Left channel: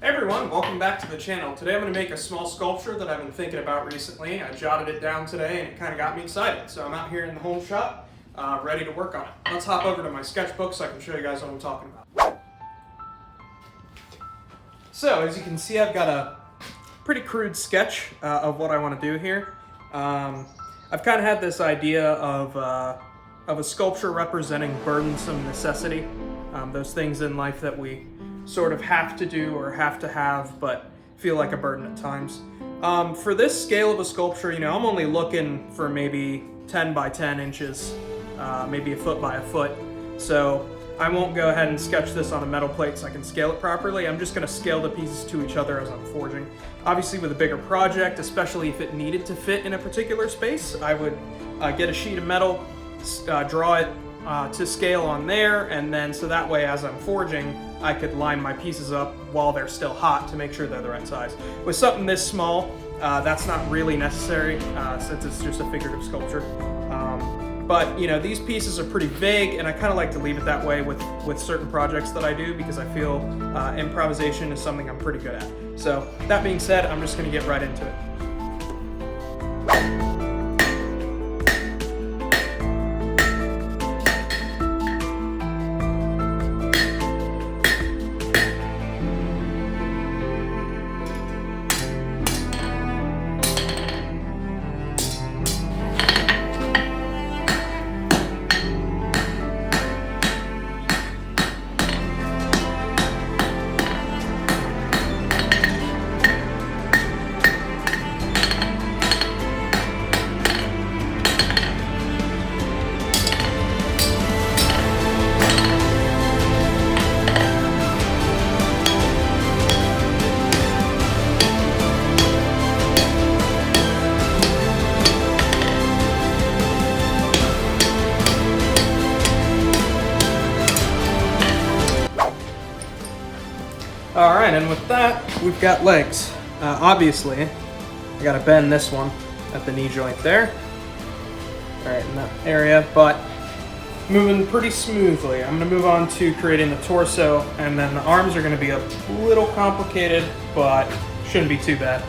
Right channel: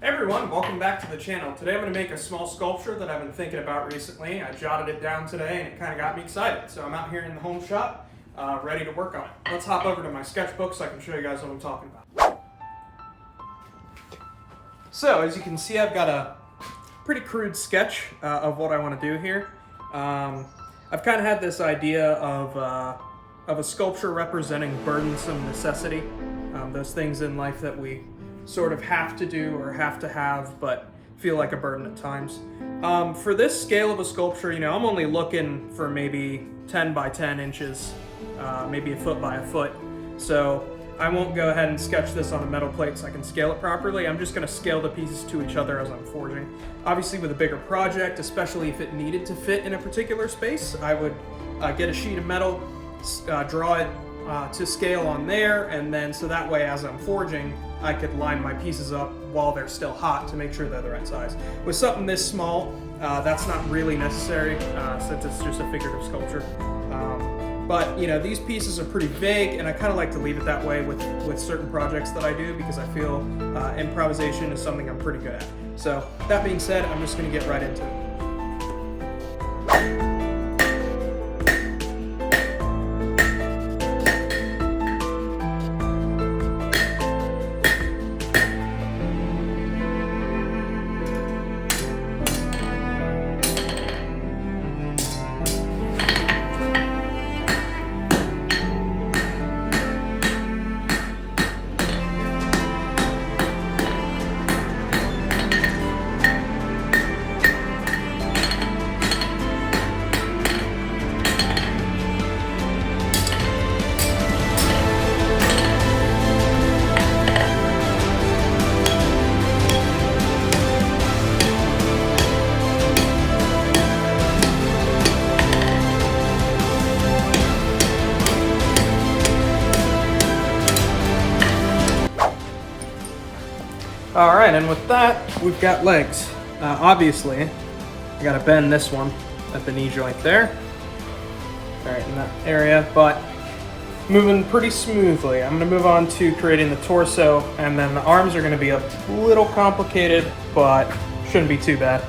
Hey everyone, welcome back to the channel. Today I'm going to make a small sculpture that I've been thinking about recently. I jotted it down today and it kind of got me excited. So I'm out here in the home shop, ready to work on it. Let's hop over to my sketchbook so I can show you guys what I'm talking about. So as you can see, I've got a pretty crude sketch of what I want to do here. I've kind of had this idea of a sculpture representing burdensome necessity, those things in life that we sort of have to do or have to have, but feel like a burden at times. For this scale of a sculpture, I'm only looking for maybe 10 by 10 inches, maybe a foot by a foot. So I won't go ahead and sketch this on a metal plate so I can scale it properly. I'm just gonna scale the pieces to each other as I'm forging. Obviously with a bigger project, especially if it needed to fit in a particular space, I would get a sheet of metal, draw it to scale on there, and then so that way as I'm forging, I could line my pieces up while they're still hot to make sure they're the right size. With something this small, that's not really necessary since it's just a figurative sculpture. But these pieces are pretty vague, and I kind of like to leave it that way with certain projects that I do because I feel improvisation is something I'm pretty good at. So that being said, I'm just going to get right into it. All right, and with that, we've got legs. Obviously, I gotta bend this one at the knee joint there. All right, in that area, but moving pretty smoothly. I'm gonna move on to creating the torso, and then the arms are gonna be a little complicated, but shouldn't be too bad.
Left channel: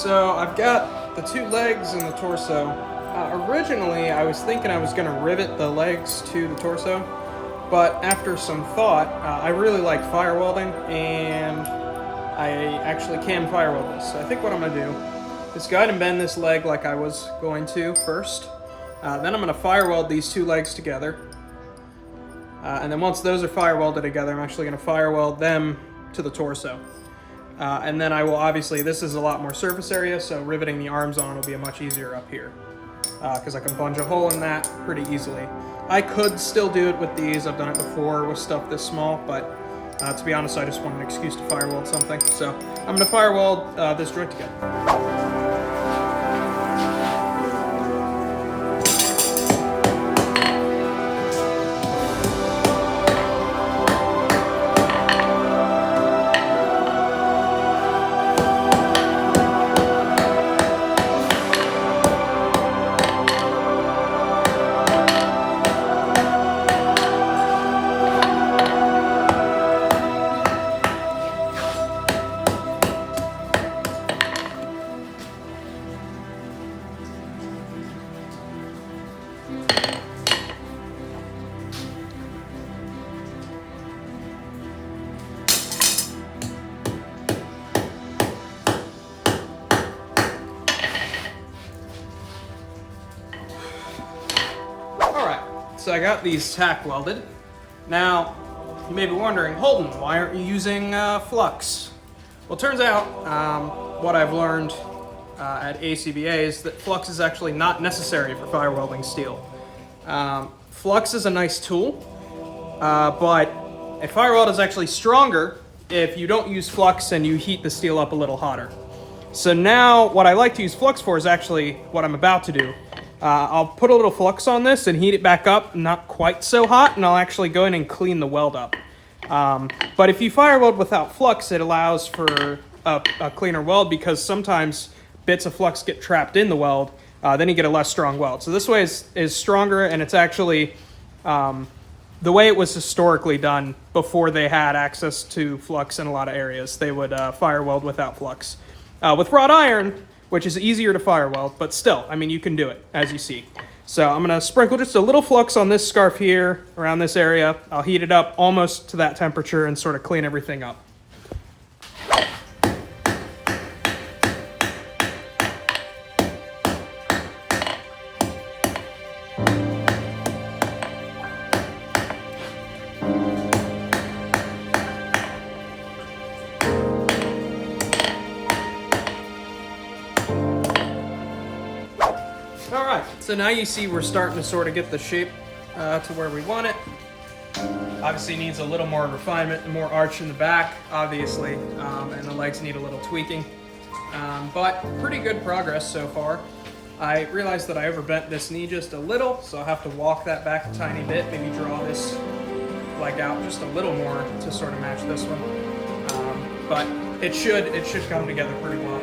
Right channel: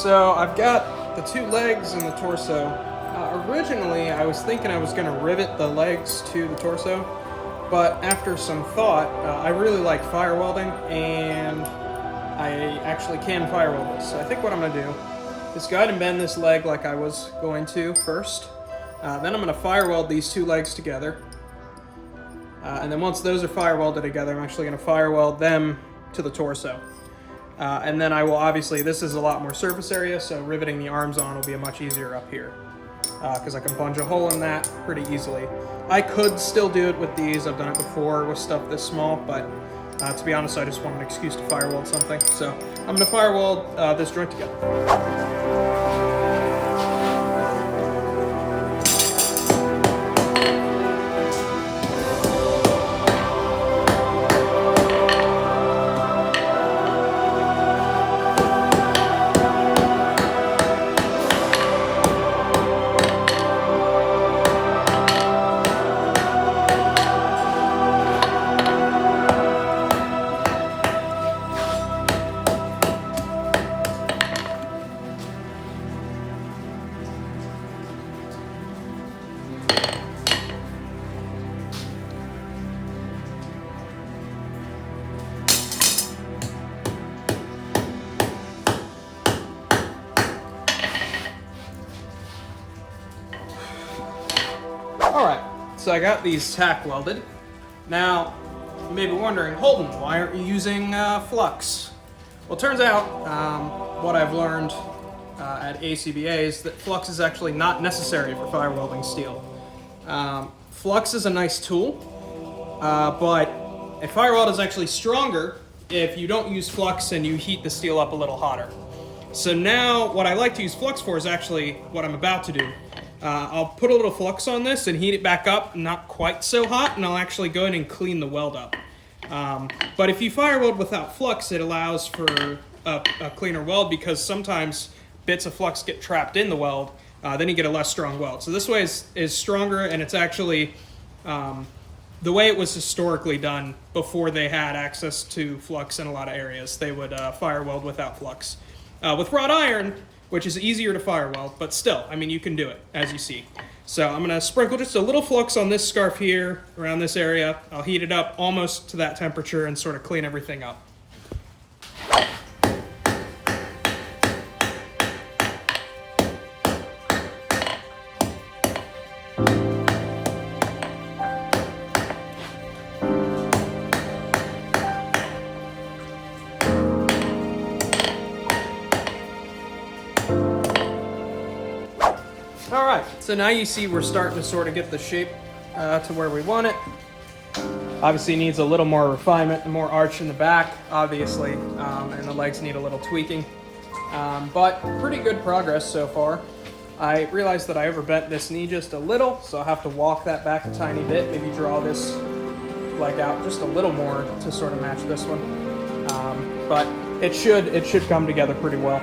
So I've got the two legs and the torso. Originally, I was thinking I was going to rivet the legs to the torso, but after some thought, I really like fire welding, and I actually can fire weld this. So I think what I'm going to do is go ahead and bend this leg like I was going to first. Then I'm going to fire weld these two legs together. And then once those are fire welded together, I'm actually going to fire weld them to the torso. And then I will obviously, this is a lot more surface area, so riveting the arms on will be much easier up here. Because I can punch a hole in that pretty easily. I could still do it with these. I've done it before with stuff this small, but to be honest, I just want an excuse to fire weld something. So I'm going to fire weld this joint together. So I got these tack welded. Now, you may be wondering, Holden, why aren't you using flux? Well, it turns out what I've learned at ACBA is that flux is actually not necessary for fire welding steel. Flux is a nice tool, but a fire weld is actually stronger if you don't use flux and you heat the steel up a little hotter. So now what I like to use flux for is actually what I'm about to do. I'll put a little flux on this and heat it back up, not quite so hot, and I'll actually go in and clean the weld up. But if you fire weld without flux, it allows for a cleaner weld because sometimes bits of flux get trapped in the weld, then you get a less strong weld. So this way is stronger, and it's actually the way it was historically done before they had access to flux in a lot of areas. They would fire weld without flux. With wrought iron, which is easier to fire weld, but still, I mean, you can do it, as you see. So I'm gonna sprinkle just a little flux on this scarf here, around this area. I'll heat it up almost to that temperature and sort of clean everything up. All right, so now you see we're starting to sort of get the shape to where we want it. Obviously needs a little more refinement and more arch in the back, obviously, and the legs need a little tweaking. But pretty good progress so far. I realized that I overbent this knee just a little, so I'll have to walk that back a tiny bit, maybe draw this leg out just a little more to sort of match this one. But it should come together pretty well.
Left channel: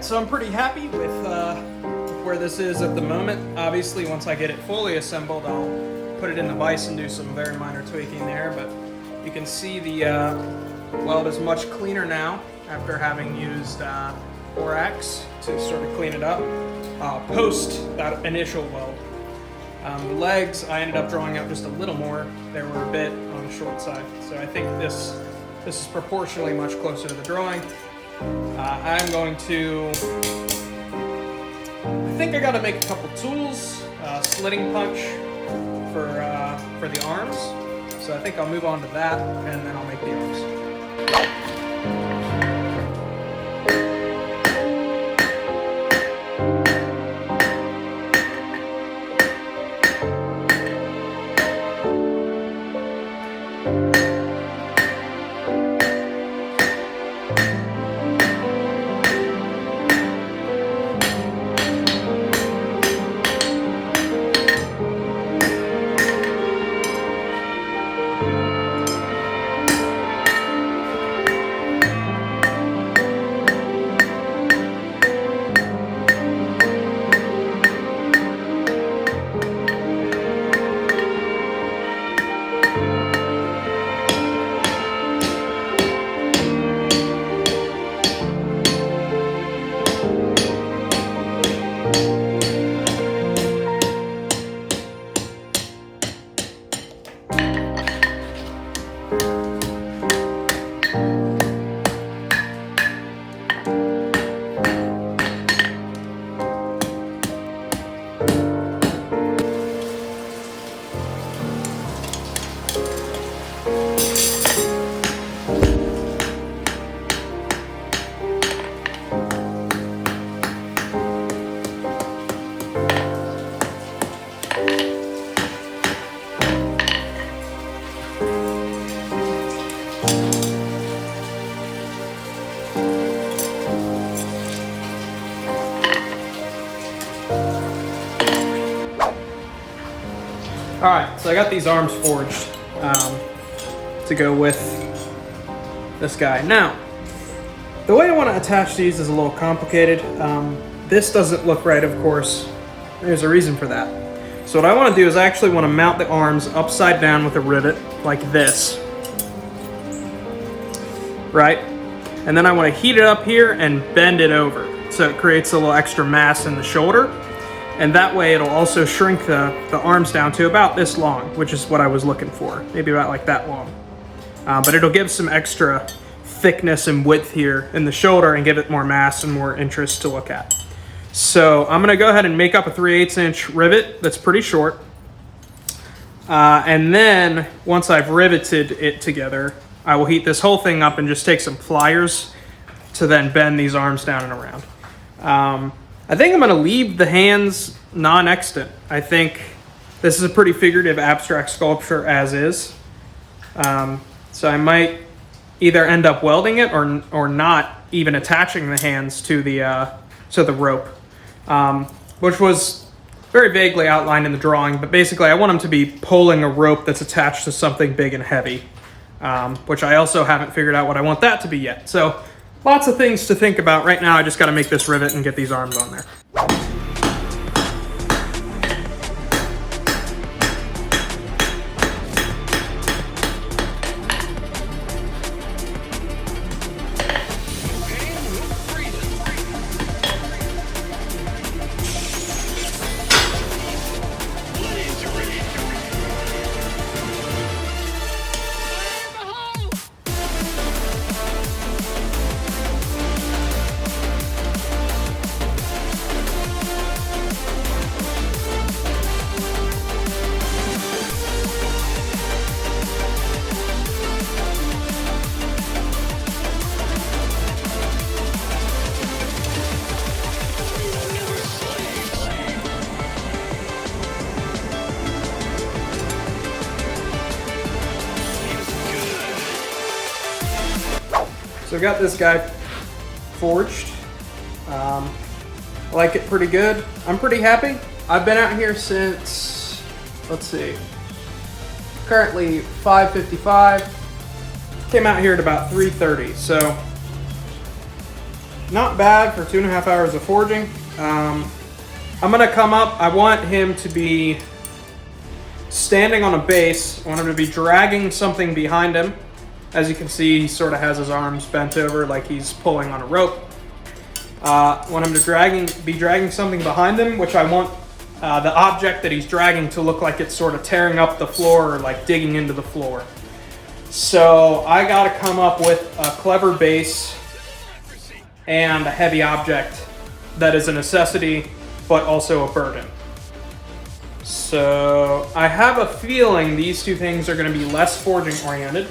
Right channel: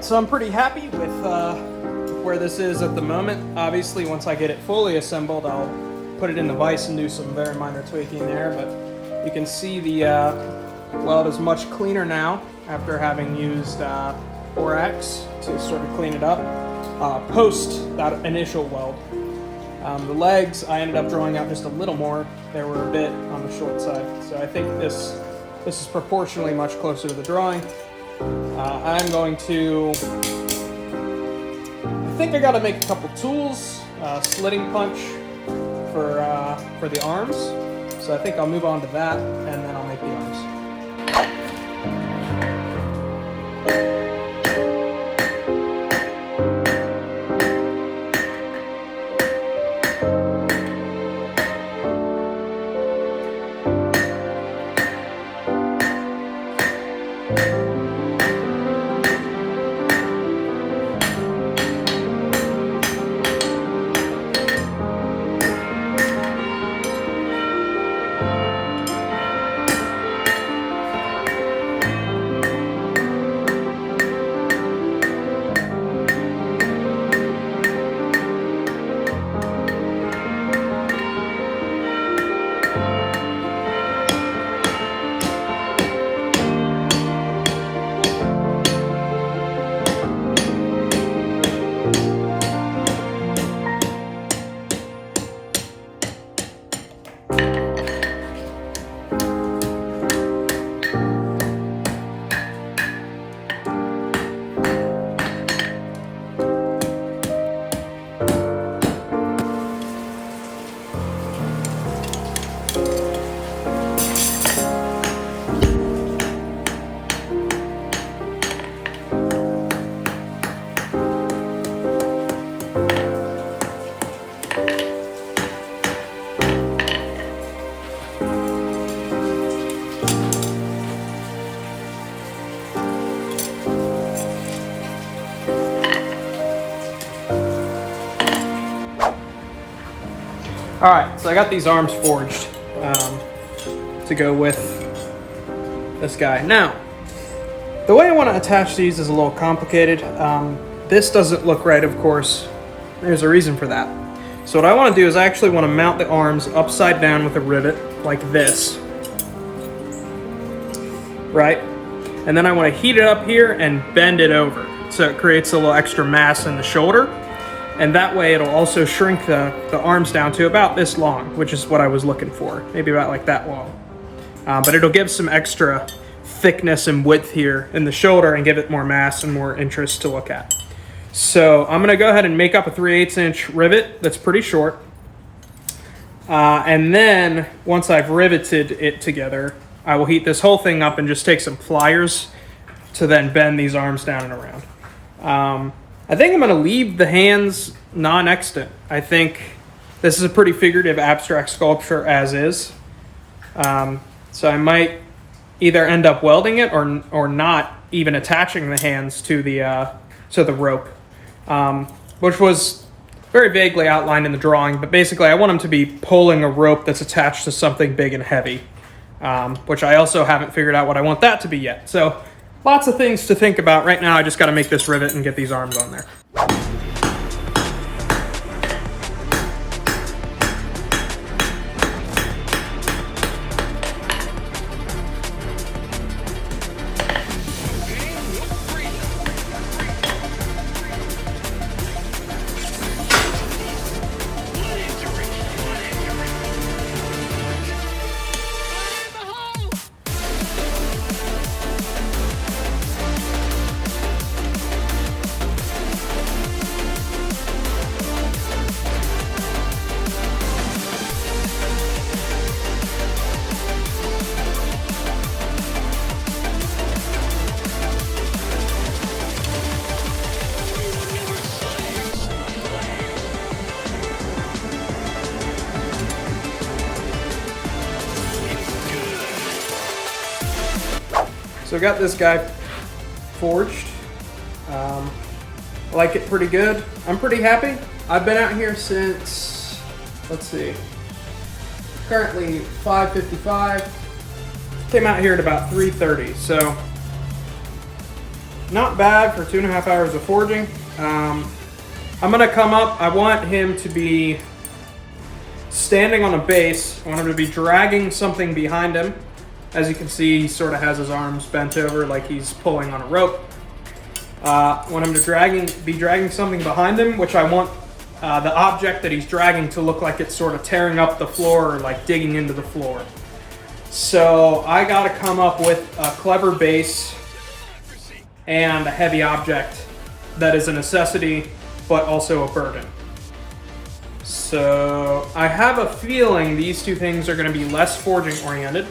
So I'm pretty happy with where this is at the moment. Obviously, once I get it fully assembled, I'll put it in the vise and do some very minor tweaking there, but you can see the weld is much cleaner now after having used borax to sort of clean it up post that initial weld. The legs, I ended up drawing out just a little more. They were a bit on the short side, so I think this is proportionally much closer to the drawing. I'm going to, I think I gotta make a couple tools, slitting punch for the arms. So I think I'll move on to that and then I'll make the arms. Alright, so I got these arms forged to go with this guy. Now, the way I want to attach these is a little complicated. This doesn't look right, of course. There's a reason for that. So what I want to do is I actually want to mount the arms upside down with a rivet, like this. Right? And then I want to heat it up here and bend it over, so it creates a little extra mass in the shoulder. And that way it'll also shrink the arms down to about this long, which is what I was looking for. Maybe about like that long. But it'll give some extra thickness and width here in the shoulder and give it more mass and more interest to look at. So I'm gonna go ahead and make up a 3/8 inch rivet that's pretty short. And then once I've riveted it together, I will heat this whole thing up and just take some pliers to then bend these arms down and around. I think I'm going to leave the hands non-extant. I think this is a pretty figurative abstract sculpture as is. So I might either end up welding it or not even attaching the hands to the rope, which was very vaguely outlined in the drawing. But basically I want them to be pulling a rope that's attached to something big and heavy, which I also haven't figured out what I want that to be yet. So lots of things to think about. Right now, I just got to make this rivet and get these arms on there. So I've got this guy forged. I like it pretty good. I'm pretty happy. I've been out here since, let's see, currently 5:55. Came out here at about 3:30, so not bad for 2.5 hours of forging. I'm gonna come up. I want him to be standing on a base. I want him to be dragging something behind him. As you can see, he sort of has his arms bent over like he's pulling on a rope. I want him to be dragging something behind him, which I want the object that he's dragging to look like it's sort of tearing up the floor or like digging into the floor. So I got to come up with a clever base and a heavy object that is a necessity, but also a burden. So I have a feeling these two things are going to be less forging oriented,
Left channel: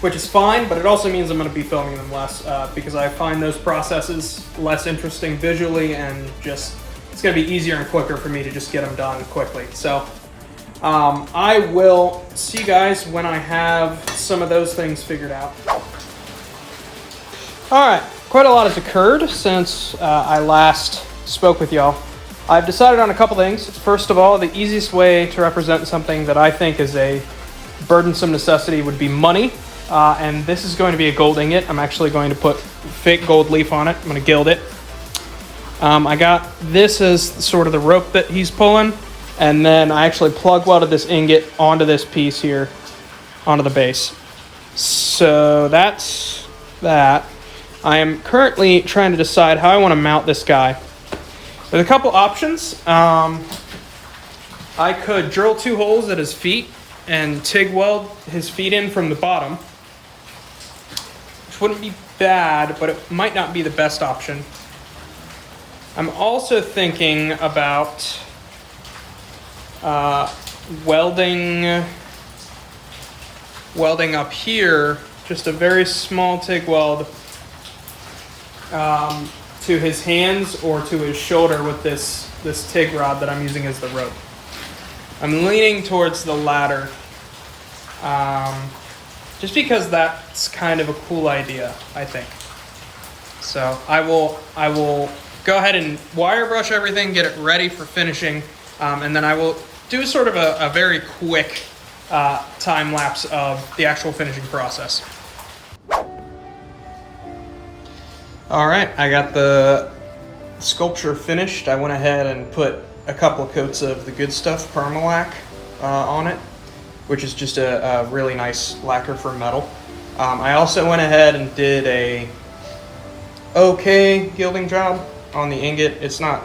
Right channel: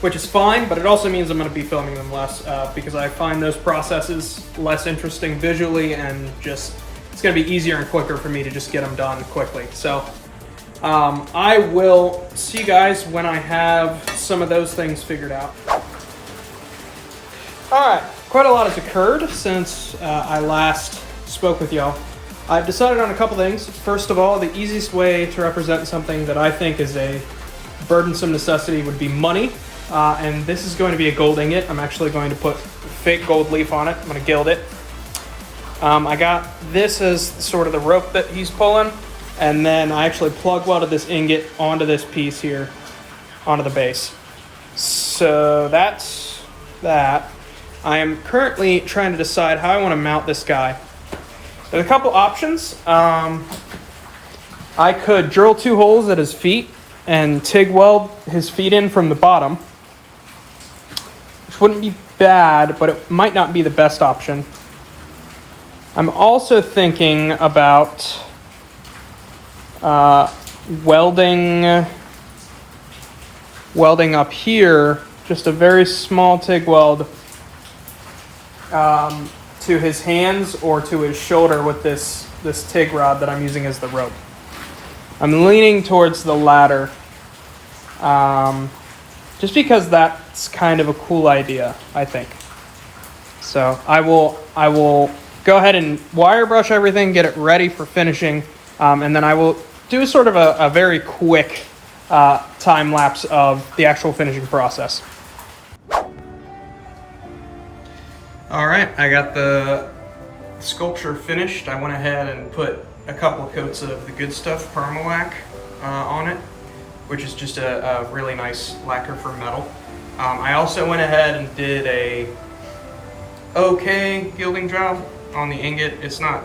which is fine, but it also means I'm going to be filming them less because I find those processes less interesting visually, and just it's going to be easier and quicker for me to just get them done quickly. So I will see you guys when I have some of those things figured out. All right, quite a lot has occurred since I last spoke with y'all. I've decided on a couple things. First of all, the easiest way to represent something that I think is a burdensome necessity would be money. And this is going to be a gold ingot. I'm actually going to put fake gold leaf on it. I'm going to gild it. I got this as sort of the rope that he's pulling, and then I actually plug welded this ingot onto this piece here, onto the base. So that's that. I am currently trying to decide how I want to mount this guy. There's a couple options. I could drill 2 holes at his feet and TIG weld his feet in from the bottom, which wouldn't be bad, but it might not be the best option. I'm also thinking about welding up here, just a very small TIG weld to his hands or to his shoulder with this TIG rod that I'm using as the rope. I'm leaning towards the latter. just because that's kind of a cool idea, I think. So I will go ahead and wire brush everything, get it ready for finishing, and then I will do sort of a very quick time lapse of the actual finishing process. All right, I got the sculpture finished. I went ahead and put a couple coats of the Good Stuff Permalac on it, which is just a really nice lacquer for metal. I also went ahead and did a okay gilding job on the ingot. It's not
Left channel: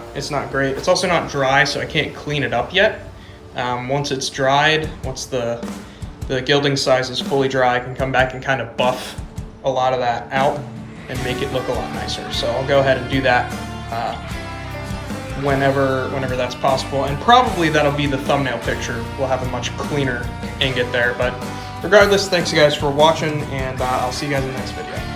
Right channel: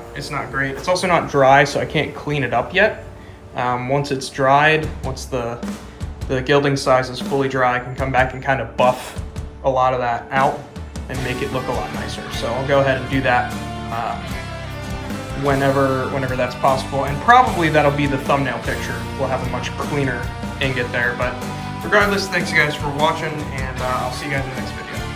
great. It's also not dry, so I can't clean it up yet. Once it's dried, once the gilding size is fully dry, I can come back and kind of buff a lot of that out and make it look a lot nicer. So I'll go ahead and do that whenever that's possible, and probably that'll be the thumbnail picture. We'll have a much cleaner ingot there, but regardless, thanks you guys for watching, and I'll see you guys in the next video.